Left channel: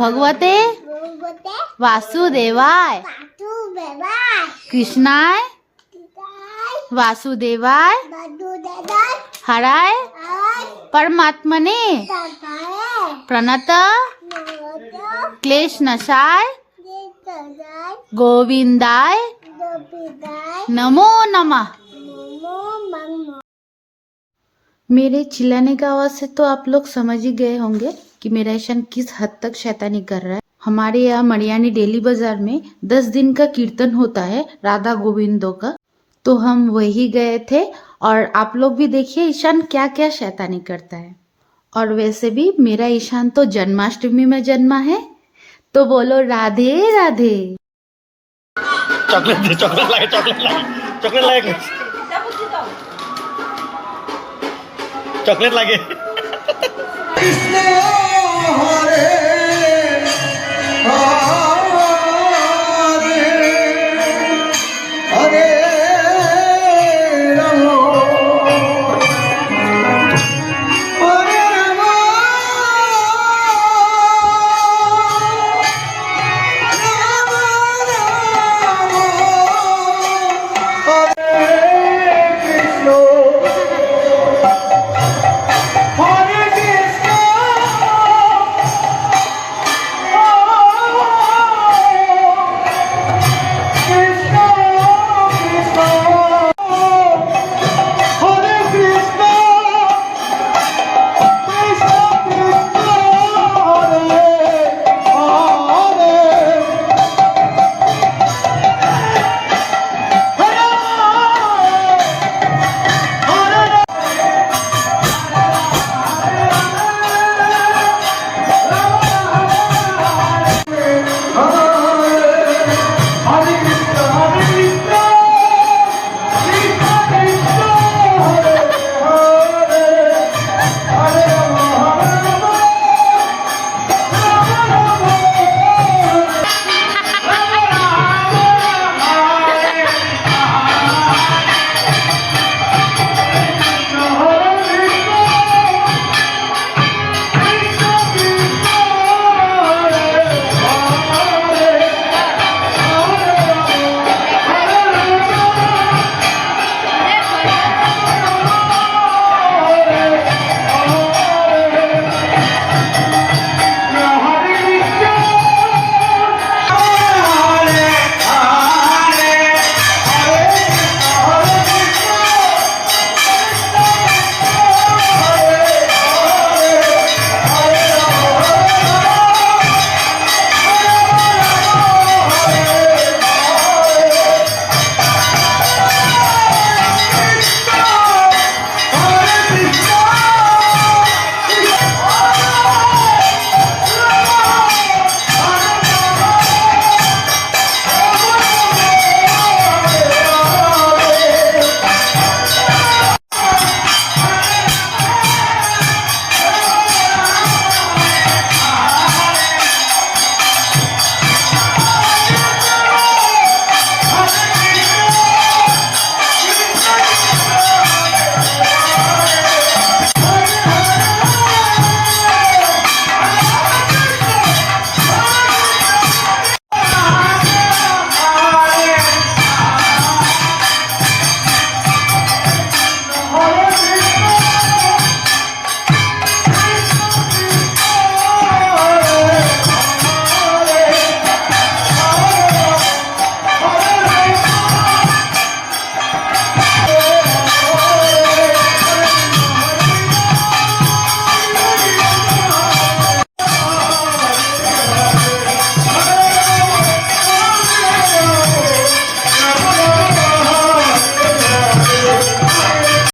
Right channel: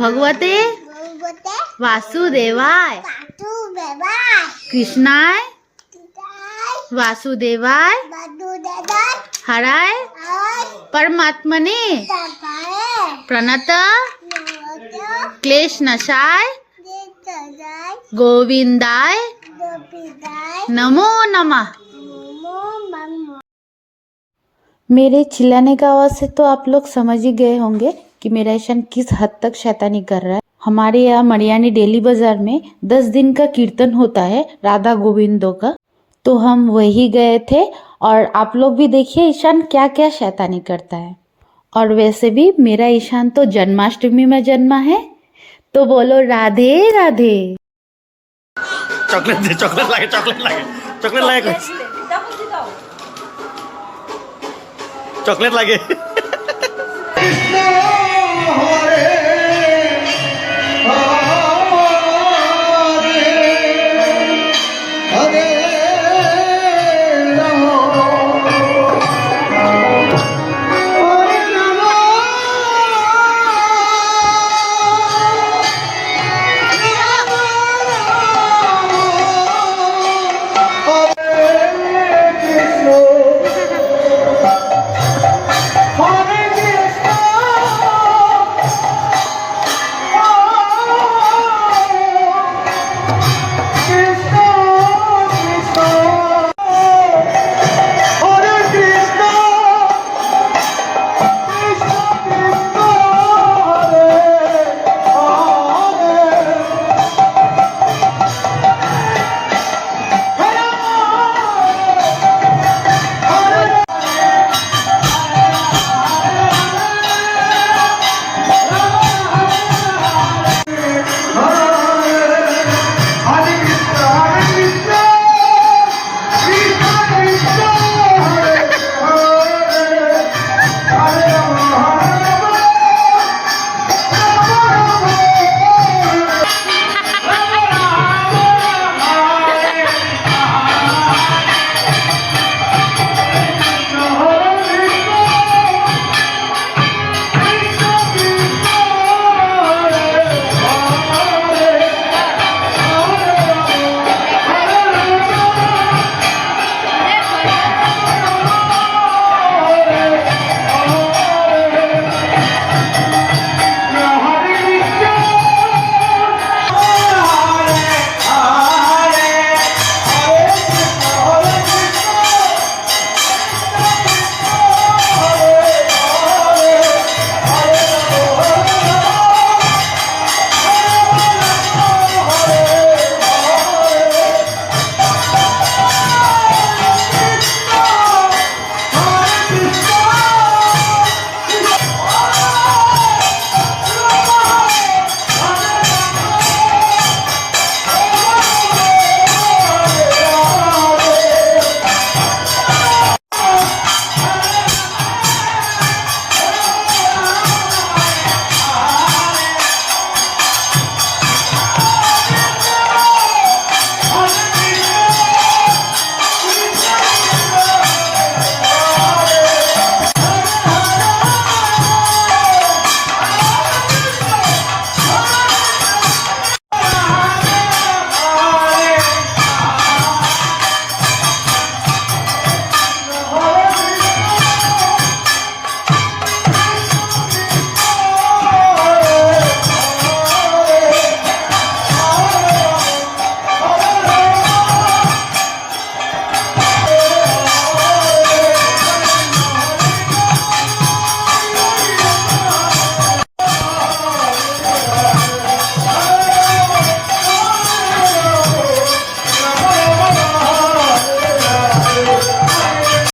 भगवते वासुदेवाय कृष्णाय वासुदेवाय हराय परमात्मने प्रणत क्लेश नशाय गोविंदाय नमो नमः। मेरे चिल्लाने का आवाज से तो आप लोग समझ ही गए होंगे कि मेरा ईशान किस हद तक शैतानी कर रहा है। हमारे यहाँ मड़ियानी डेली बाजार में 10 दिन का कीर्तन होता है राधा गोविंदों का, तो हम वही गए थे और आप लोग भी देखिए ईशान क्या क्या शैतानी करता है। और वैसे भी मेरा ईशान तो जन्माष्टमी में जन्मा है, तो बोलो राधे राधे। चॉकलेट दे, चॉकलेट लाए, चॉकलेट लाए, चॉकलेट लाए कुछ, चॉकलेट लागे। कृष्ण हरे